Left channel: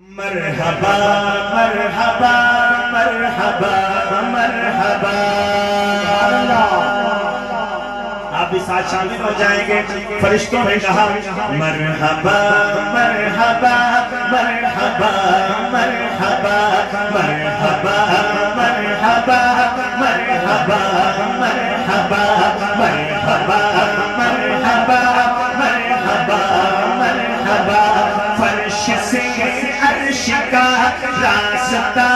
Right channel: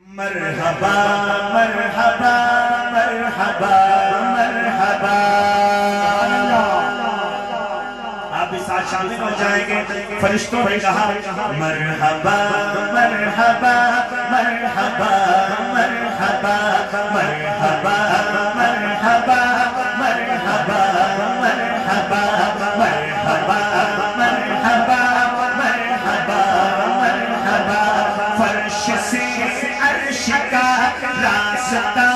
مرحبا مرحبا مرحبا مرحبا. آپ بھی ساتھ شامل ہو جائیں گے. فرشتوں نے کہا مرحبا مرحبا مرحبا مرحبا مرحبا مرحبا مرحبا مرحبا مرحبا مرحبا مرحبا مرحبا. فرش سے عرش کا راستہ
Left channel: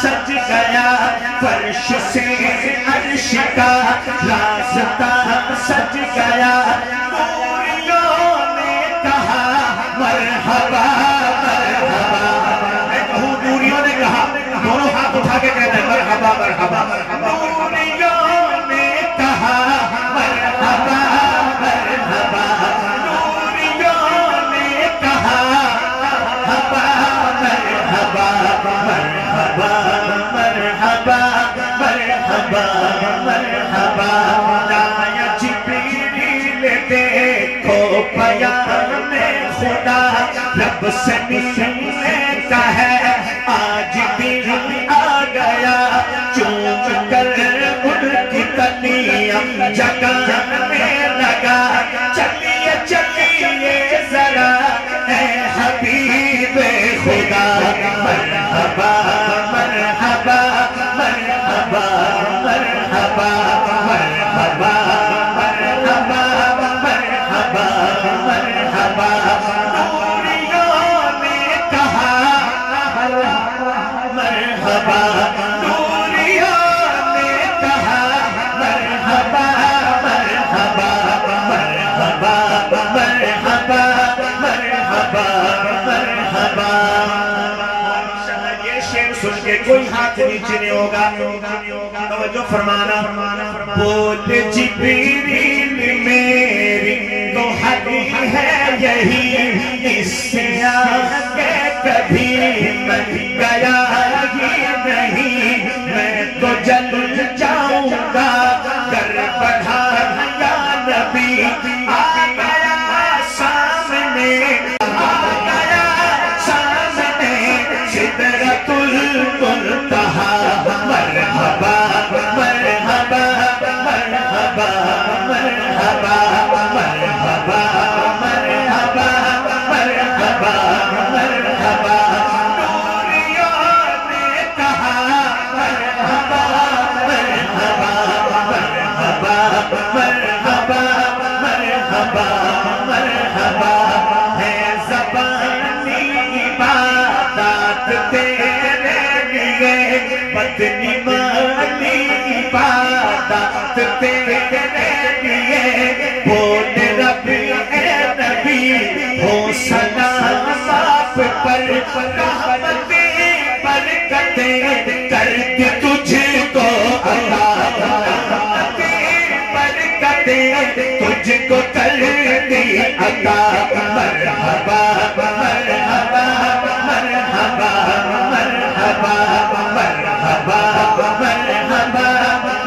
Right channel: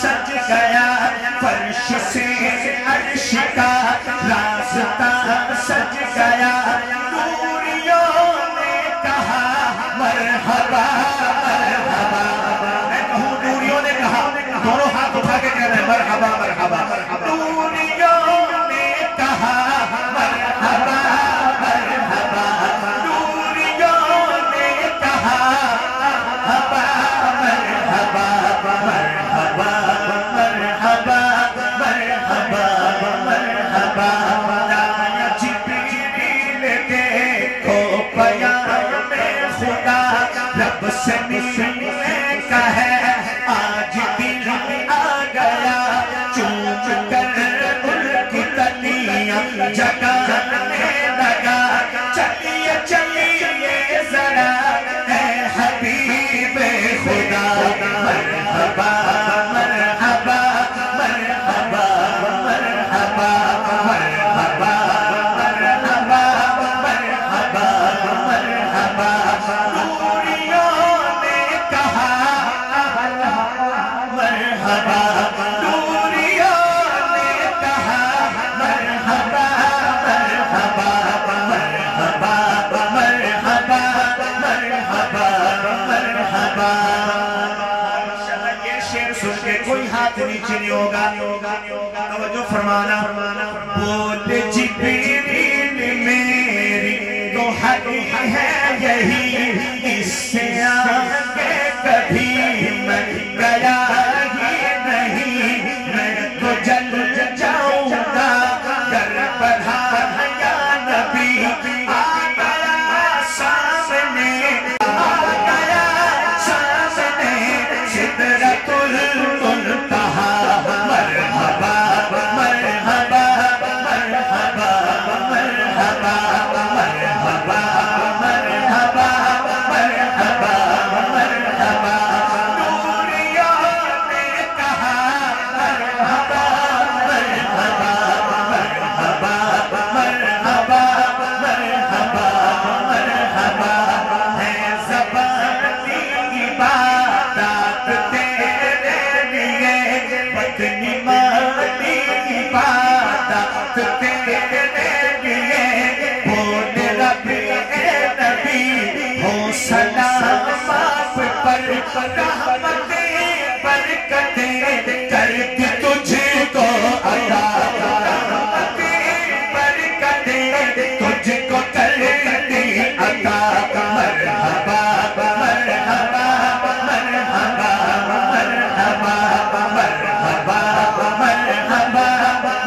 سج گیا. فرش سے عرش کا راستہ سج گیا. نوریوں نے کہا مرحبا مرحبا. میں کہوں نوریوں نے کہا, دونوں ہاتھ اٹھا کے کہنا ہے مرحبا مرحبا. نوریوں نے کہا مرحبا مرحبا. نوریوں نے کہا مرحبا مرحبا مرحبا مرحبا مرحبا مرحبا. لایا جبریل دیکھو پیام خدا, رب سے ملنے کا ہے آج دن آ گیا. چوم کر ان کی کلیاں جگانے لگا. چلیے چلیے ذرا اے حبیب خدا. مرحبا مرحبا مرحبا مرحبا مرحبا مرحبا مرحبا مرحبا. نوریوں نے کہا مرحبا. نوریوں نے کہا مرحبا مرحبا مرحبا مرحبا مرحبا مرحبا. یہ شعر سن کے کوئی ہاتھ نیچے نہیں ہوگا. توجہ فرمانا. بول جبریل میری تو حق ہے یہی, اس سے آگے کبھی میں گیا ہی نہیں. میں تو جل جاؤں گا کر بڑھا یا نبی. آ گیا سامنے آ گیا سامنے سدرۃ المنتہا. مرحبا مرحبا مرحبا مرحبا مرحبا مرحبا مرحبا مرحبا. نوریوں نے کہا مرحبا مرحبا مرحبا مرحبا مرحبا مرحبا. ہے زبانی عبادات تیرے لیے, مدنی مانی عبادات تیرے لیے. بول ربی اے نبی ہو سلام آپ پر, رحمتیں برکتیں کر کے تجھ کو عطا. رحمتیں برکتیں تجھ کو کر دی عطا. مرحبا مرحبا مرحبا مرحبا مرحبا مرحبا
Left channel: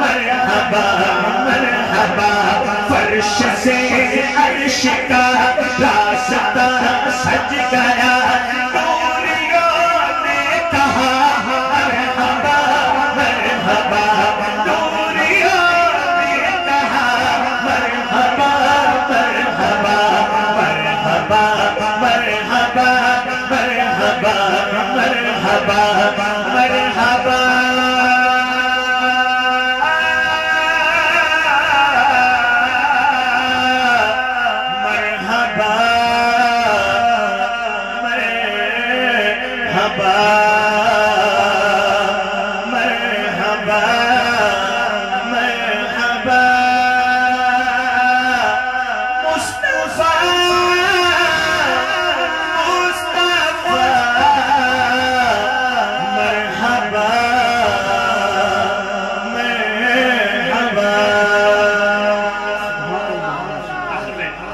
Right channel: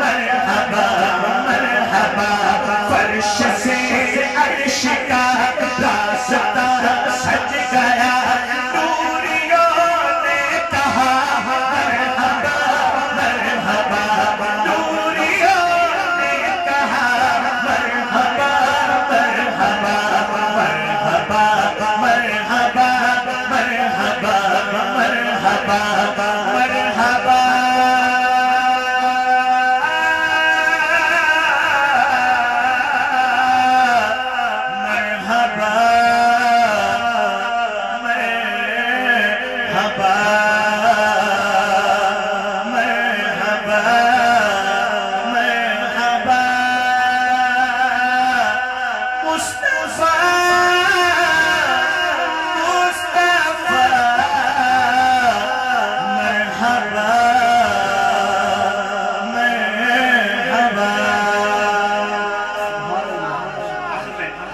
مرحبا مرحبا. فرش سے عرش کا راستہ سج گیا. نوریوں نے کہا مرحبا مرحبا. نوریوں نے کہا مرحبا مرحبا مرحبا مرحبا مرحبا مرحبا مرحبا.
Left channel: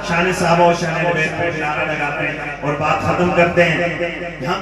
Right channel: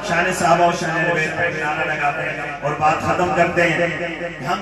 شان صحابہ و شان نبی پہ نعرہ لگاتے ہیں اور بات ختم کرتے ہیں. ہم